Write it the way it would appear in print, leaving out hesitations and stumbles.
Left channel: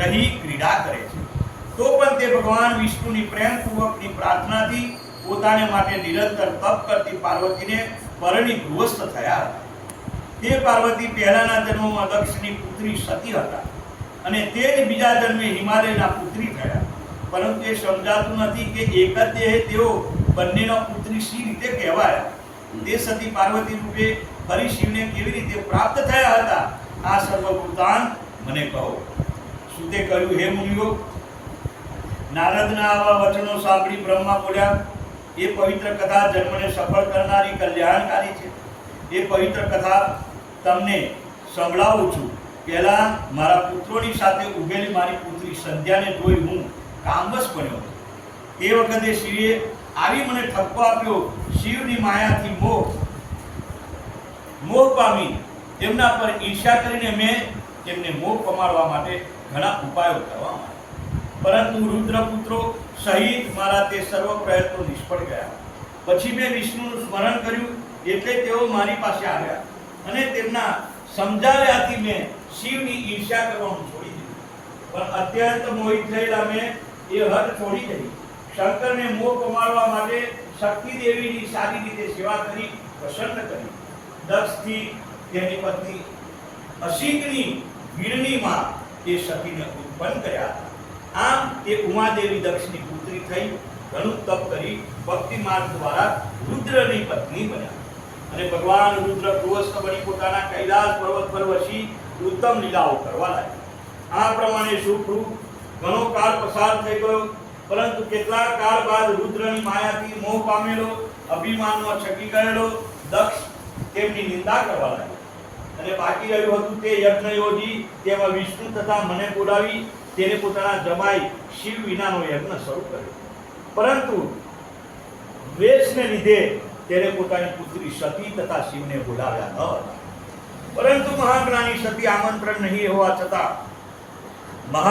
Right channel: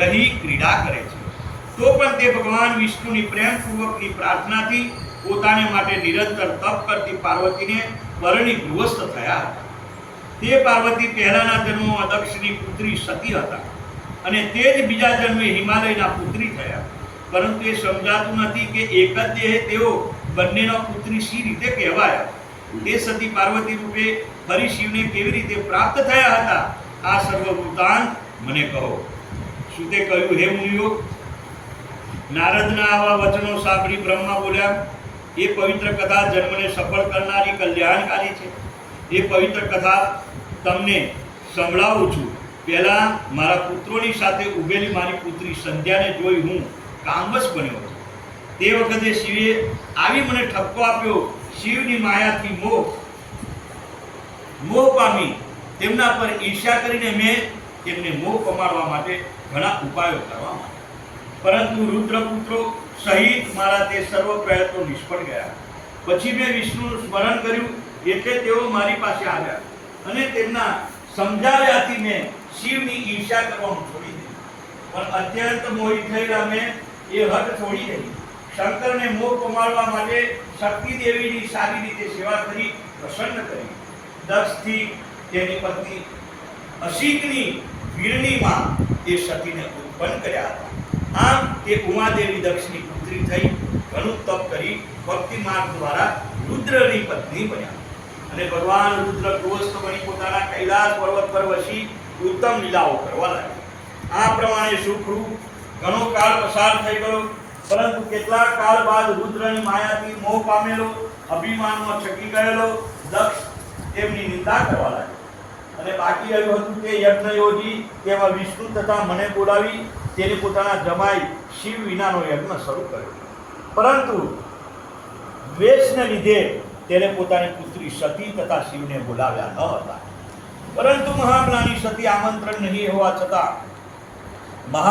રહી ક્રીડા કરે છે। તો પણ તે ભગવાન વિષ્ણુની પ્રેમપૂર્વકની પ્રાર્થનાથી પોતાને માટે નિરંતર તપ કરતી પાર્વતીને પરણી ગૃહસ્થ થયા હતા। તે પાર્વતી પહેલાના જન્મમાં દક્ષની પુત્રી સતી હતા અને તે જ બીજા જન્મે હિમાલયના પુત્રી થયા। પરંતુ એ સમજાતું નથી કે એક જ દેહે તેઓ બંનેનો પુત્રી શી રીતે કહેવાયા। તે સતી પાર્વતી રૂપે ફરી શિવને કેવી રીતે પ્રાપ્ત થયા હતા, આ સર્વ વૃત્તાંત મને કહો। સુતે કહ્યું, હે મુનિઓ, નારદના આવા વચનો સાંભળી બ્રહ્મા બોલ્યા, એ પવિત્ર કથા જન્મને સફળ કરનારી કલ્યાણકારી છે। એ પવિત્ર કથા તમને સંભળાવું છું। પહેલા મારા પુત્રોની સાથે ઉભેલી મારી પુત્રી સંધ્યાને જોઈ હું કામવશ બન્યો હતો। તે વખતે શિવે આવી મને ઠપકો આપ્યો। શિવની માયાથી મોહ પામી તેમના પર ઈર્ષ્યા કરીને મેં તેમને મોહ પમાડવા માટે ઘણા ઉપાયો કરવા માંડ્યા, પરંતુ રુદ્રપુત્રો સહિત મારા તે સર્વ પ્રયત્નો નિષ્ફળ ગયા। પછી મેં વિષ્ણુનું સ્મરણ કર્યું એટલે તેઓ મારી પાસે આવ્યા અને તેમના સમજાવ્યાથી મેં શિવની ઈર્ષ્યા કરવાનું છોડી દીધું। પણ અત્યંત મોહિત થયેલા મેં એ હઠ છોડી દઈ શંકરને મોહ પમાડવા માટે શક્તિ દેવીની સારી રીતે સેવા કરી પ્રસન્ન કરી। દક્ષથી તેની પત્ની અસિકની વીરણીમાં એ સતીને ઉત્પન્ન કર્યા હતા। આમ તે ઉમાદેવી દક્ષની પુત્રી થઈ ઘણું તપ કરી ભક્તિ માર્ગ દ્વારા રુદ્રની પત્ની બન્યા અને ભગવાન રુદ્ર ગૃહસ્થ બની પોતાના કૈલાસ પર્વત પર વસી ઉત્તમ લીલાઓ કરવા લાગ્યા। આ પ્રમાણે સુખરૂપ ઘણો કાળ પસાર થઈ ગયો, પરંતુ કેટલાક કાળ બાદ રુદ્રની માયાથી મોહ પામેલો, અભિમાનમાં છકી ગયેલો દક્ષ તેમની નિંદા કરવા લાગ્યો અને બાકી રહ્યું હતું તે યજ્ઞ યોજી તેમાં વિષ્ણુ તથા મને બોલાવી તેને પોતાના જમાઈ શિવ વિનાનો યજ્ઞ શરૂ કર્યો। પરંતુ દ્વેષને લીધે તેને પોતાની પુત્રી સતી તથા શિવને બોલાવ્યા ન હતા। પરંતુ મહાજ્ઞાની સતી આમંત્રણ નહીં હોવા છતાં